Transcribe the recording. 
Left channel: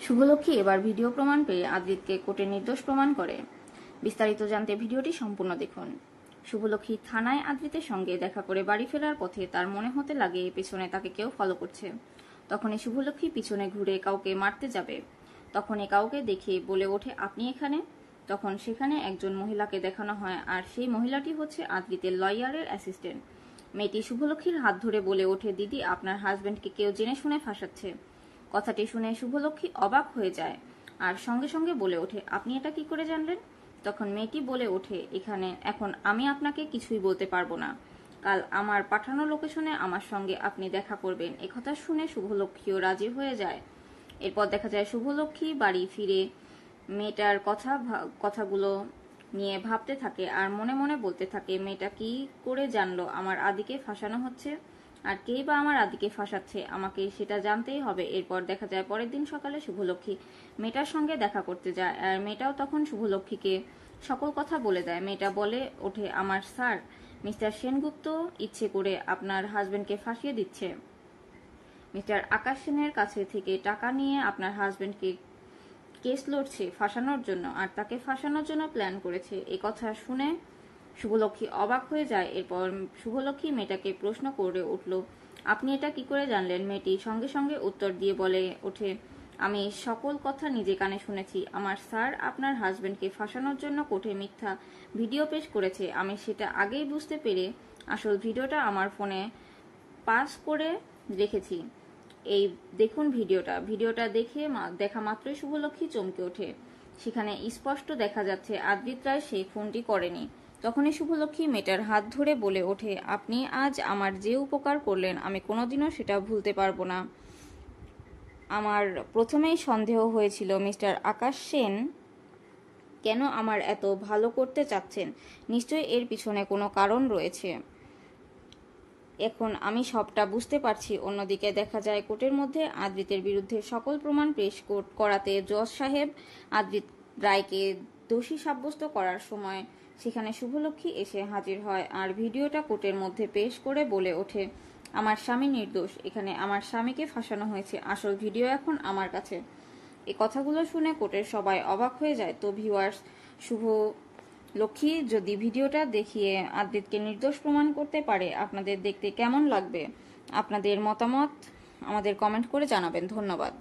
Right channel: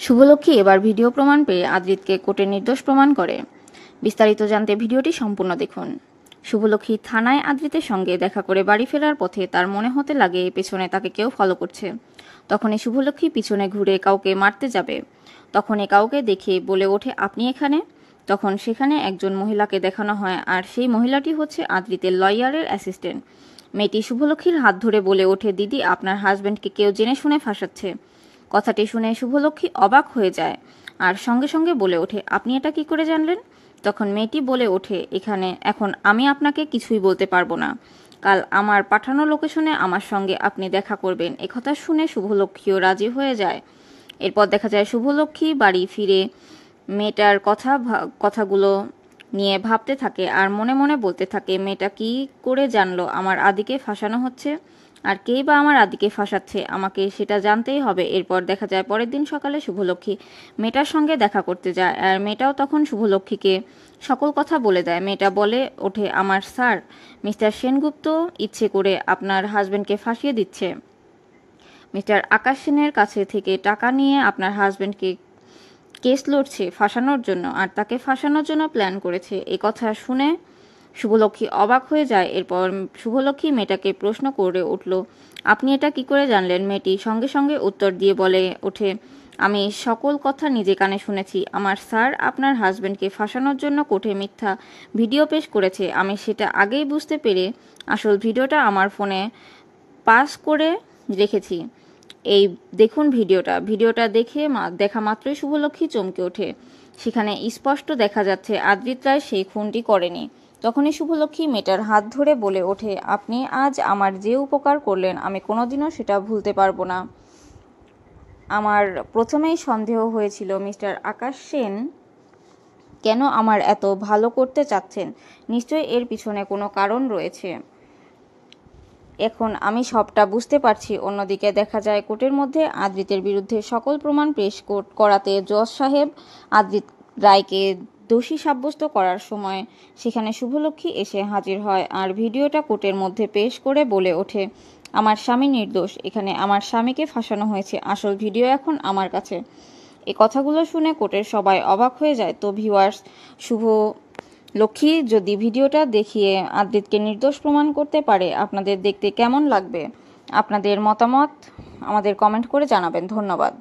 শুভলক্ষ্মী এবার ভিডিও প্রমাণ পেয়ে আদ্রিতকে কোর্টে নির্দোষ প্রমাণ করে। বিস্তারিত জানতে ভিডিওটি সম্পূর্ণ দেখুন। শুভলক্ষ্মী থানায় আদ্রিতের সঙ্গে দেখা করে বাড়ি ফেরার পথে তার মনে হতে লাগে পেছনে তাকে কেউ ফলো করছে। তখনই শুভলক্ষ্মী পিছনে ঘুরে কাউকে মারতে যাবে। তখনই কাউকে দেখে বলে ওঠে, আপনি এখানে? তখন সেখানে একজন মহিলাকে দেখানো হয়, আর সেই মহিলাটি হচ্ছে আদ্রিতের লয়ারের অ্যাসিস্ট্যান্ট। মেয়েটি শুভলক্ষ্মীর হাত ধরে বলে ওঠে, দিদি, আপনার হাজব্যান্ডকে কেউ জেনে শুনে ফাঁসাচ্ছে। কথাটি শুনে শুভলক্ষ্মী অবাক হয়ে যায় আর সঙ্গে সঙ্গে বলে ওঠে, আপনি এটা কি করে জানলেন? তখন মেয়েটি বলে ওঠে, এখন আমি আপনাকে কিছুই বলতে পারবো না। কাল আমার পাঠানো লোকেশনে আমার সঙ্গে আপনি দেখা করবেন। একথা শুনে শুভলক্ষ্মীও রাজি হয়ে যায়। এরপর দেখা যায় শুভলক্ষ্মী বাড়ি ফিরে মেয়েটার কথাগুলো নিয়ে ভাবতে থাকে আর মনে মনে বলতে থাকে, মেয়েটা কি করে জানলো আমার আদিকে ফাঁসানো হচ্ছে, আর কেই বা আমার আদিকে ফাঁসাচ্ছে, আমাকে সেটা জানতেই হবে। এরপর দেখা যায় পরের দিন সকালে শুভলক্ষ্মী মেয়েটার সঙ্গে দেখা করতে যায়, আর মেয়েটাও তখন শুভলক্ষ্মীকে সকল কথা বলে দেয়। মেয়েটা বলে ওঠে, আমার স্যার মিস্টার সেনগুপ্ত ইচ্ছে করে আপনার হাজবেন্ডকে ফাঁসিয়ে দিচ্ছে। মিস্টার আকাশ সেনের কাছে থেকে টাকা নিয়ে আপনার হাজবেন্ডকে কেস লড়ছে ফাঁসানোর জন্য, আর তাকে ফাঁসানোর জন্য প্ল্যান করেছে। এই কথা শুনে শুভলক্ষ্মী অবাক হয়ে যায়। এরপর শুভলক্ষ্মী মেয়েটাকে প্রশ্ন করে উঠল, আপনি এটা কি করে জানলেন? মেয়েটি সঙ্গে সঙ্গে উত্তর দিয়ে বলে ওঠে, আমি সকল কথা নিজে কানে শুনেছি। আমার স্যার আপনার হাজবেন্ডকে ফাঁসানোর জন্য কোর্টে মিথ্যা ভিডিও পেশ করেছে। আমি সেটা আগেই বুঝতে পেরে আসল ভিডিওটা আমার ফোনে পাস করে রেখেছি। এই দেখুন ভিডিওটা দেখা মাত্রই শুভলক্ষ্মী চমকে ওঠে। সেখানে স্পষ্ট দেখা যাচ্ছে আদ্রিত রায় সেই খুনটি করেনি। তখনই শুভলক্ষ্মী মেয়েটার হাত ধরে বলে ওঠে, আপনি আজ আমার যে উপকার করলেন আমি কোনোদিনও সেটা ভুলতে পারবো না। আমার প্রথমেই সন্দেহ হয়েছিল মিস্টার আকাশ সেন কেন আমার এত ভালো করতে চাচ্ছেন। নিশ্চয়ই এর পিছনে কোনো কারণ রয়েছে। এখন আমি সবটা বুঝতে পারছি। অন্যদিকে দেখা যায় কোর্টের মধ্যে আদ্রিতের বিরুদ্ধে সকল প্রমাণ পেশ করাতে জজ সাহেব আদ্রিত রায়কে দোষী সাব্যস্ত করার সময় সেখানে শুভলক্ষ্মী এসে হাজির হয়, আর ভিডিওটা কোর্টের মধ্যে পেশ করে বলে ওঠে, আমার স্বামী নির্দোষ, এখানে আমার স্বামীকে ফাঁসানো হয়েছে, আসল ভিডিও এখন আমার কাছে। এই কথাগুলো শুনে কোর্টের সবাই অবাক হয়ে যায়। তো ভিউয়ার্স, শুভলক্ষ্মী যদি ভিডিওটা দেখিয়ে আদ্রিতকে নির্দোষ প্রমাণ করতে পারে, আপনাদের দেখতে কেমন লাগবে? আপনাদের মতামত আমাদের কমেন্ট করে জানাবেন। ধন্যবাদ।